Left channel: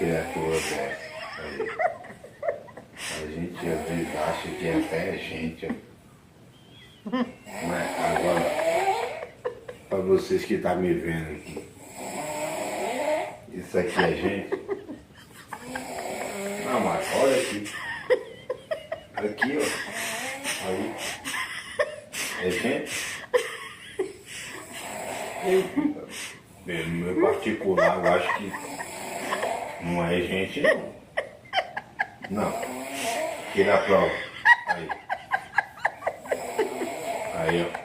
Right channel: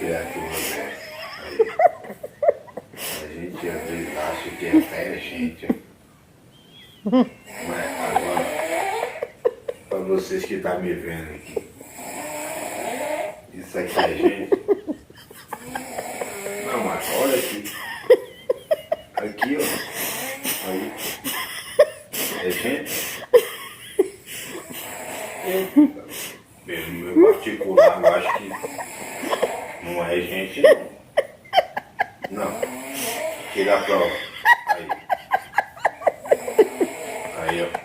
criatura dessa. Aí. A gente às vezes acha que é até gente. Mas agora, para vocês que estão me vendo aqui, isso aqui é gente? Não, mas olha aqui. Aqui, ó. Aí. É gente? No meu particular, eu acho que não é gente, não. Não. Tira a prova. Aí. Aí, ó.